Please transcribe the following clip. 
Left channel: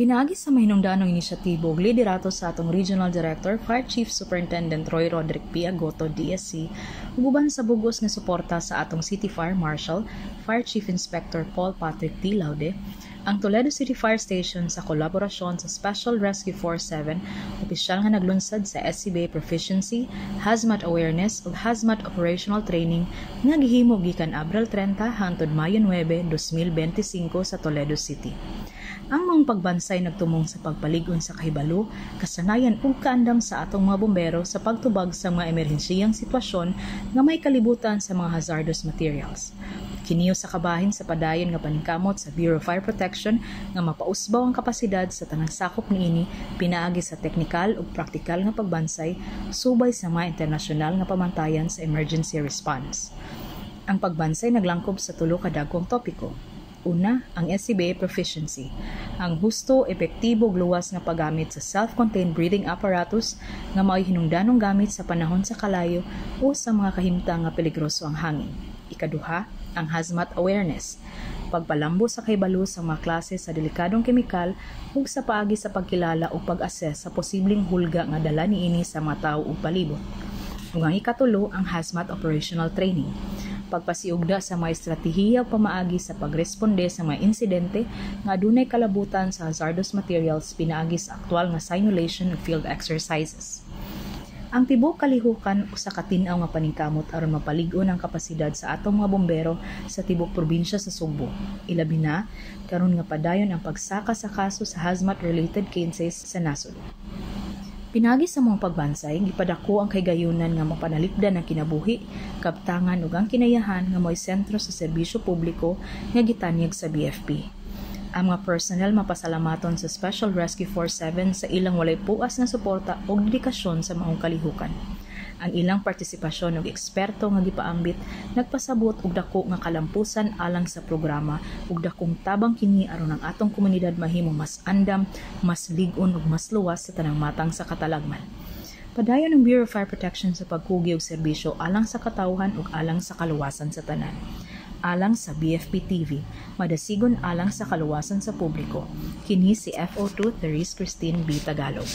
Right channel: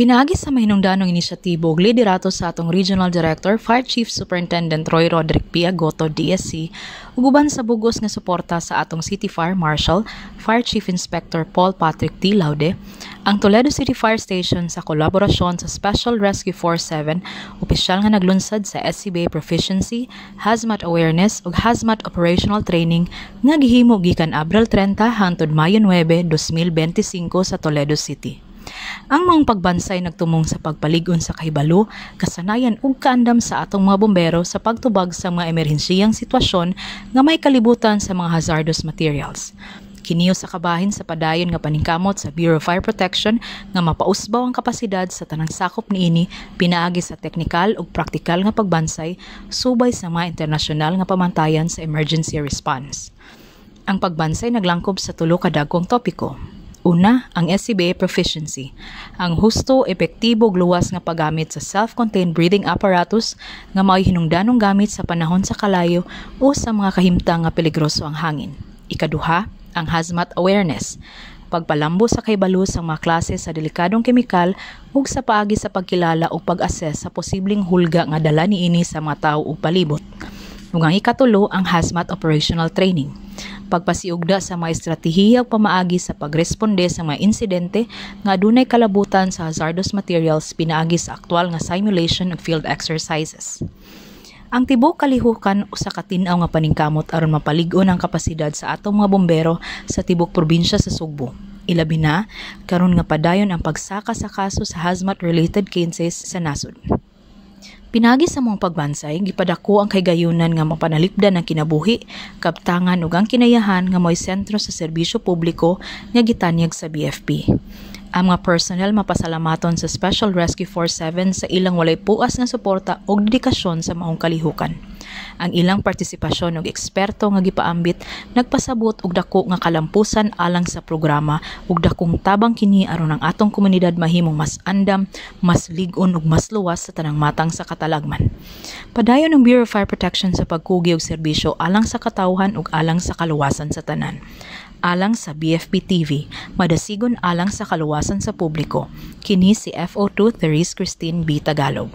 Pinaagi sa mahinungdanong inisyatibo ug liderato sa atong Regional Director, Fire Chief Superintendent Roy Roderick P. Agoto, DSC, ug uban sa bugos nga suporta sa atong City Fire Marshal, Fire Chief Inspector Paul Patrick T. Laude, ang Toledo City Fire Station sa kolaborasyon sa Special Rescue Force 7, opisyal nga naglunsad sa SCBA Proficiency, Hazmat Awareness ug Hazmat Operational Training nga gihimo gikan Abril 30 hangtod Mayo 9, 2025 sa Toledo City. Ang mga pagbansay nagtumong sa pagpaligon sa kahibalo, kasanayan ug kaandam sa atong mga bombero sa pagtubag sa mga emerhensiyang sitwasyon nga may kalibutan sa mga hazardous materials. Kiniyo sa kabahin sa padayon nga paningkamot sa Bureau of Fire Protection nga mapausbaw ang kapasidad sa tanang sakop niini pinaagi sa teknikal ug praktikal nga pagbansay subay sa mga internasyonal nga pamantayan sa emergency response. Ang pagbansay naglangkob sa tulo ka dagkong topiko. Una, ang SCBA Proficiency, ang husto, epektibo ug luwas nga paggamit sa self-contained breathing apparatus nga mao'y hinungdanong gamit sa panahon sa kalayo o sa mga kahimtang nga peligroso ang hangin. Ikaduha, ang Hazmat Awareness, pagpalambo sa kahibalo sa mga klase sa delikadong kemikal ug sa paagi sa pagkilala ug pag-assess sa posibleng hulga nga dala niini sa mga tawo ug palibot. Ug ang ikatulo, ang Hazmat Operational Training, pagpasiugda sa mga estratehiya ug pamaagi sa pagresponde sa mga insidente nga adunay kalabutan sa hazardous materials pinaagi sa aktwal nga simulation ug field exercises. Ang tibok kalihukan usa ka tin-aw nga paningkamot aron mapalig-on ang kapasidad sa atong mga bombero sa tibok probinsya sa Sugbo. Ilabi na karon nga padayon ang pagsaka sa kaso sa hazmat related cases sa nasod. Pinagi sa mong pagbansay, gipadako ang kaygayunan nga mapanalipdan ang kinabuhi, kabtangan ug ang kinayahan nga mo'y sentro sa serbisyo publiko nga gitanyag sa BFP. Ang mga personnel mapasalamaton sa Special Rescue Force 7 sa ilang walay puas nga suporta ug dedikasyon sa maong kalihukan. Ang ilang partisipasyon ug eksperto nga gipaambit nagpasabot og dako nga kalampusan alang sa programa ug dakong tabang kini aron ang atong komunidad mahimong mas andam, mas lig-on ug mas luwas sa tanang matang sa katalagman. Padayon ang Bureau of Fire Protection sa pagkugi og serbisyo alang sa katawhan ug alang sa kaluwasan sa tanan. Alang sa BFP TV, madasigon alang sa kaluwasan sa publiko. Kini si FO2 Therese Christine B. Tagalog.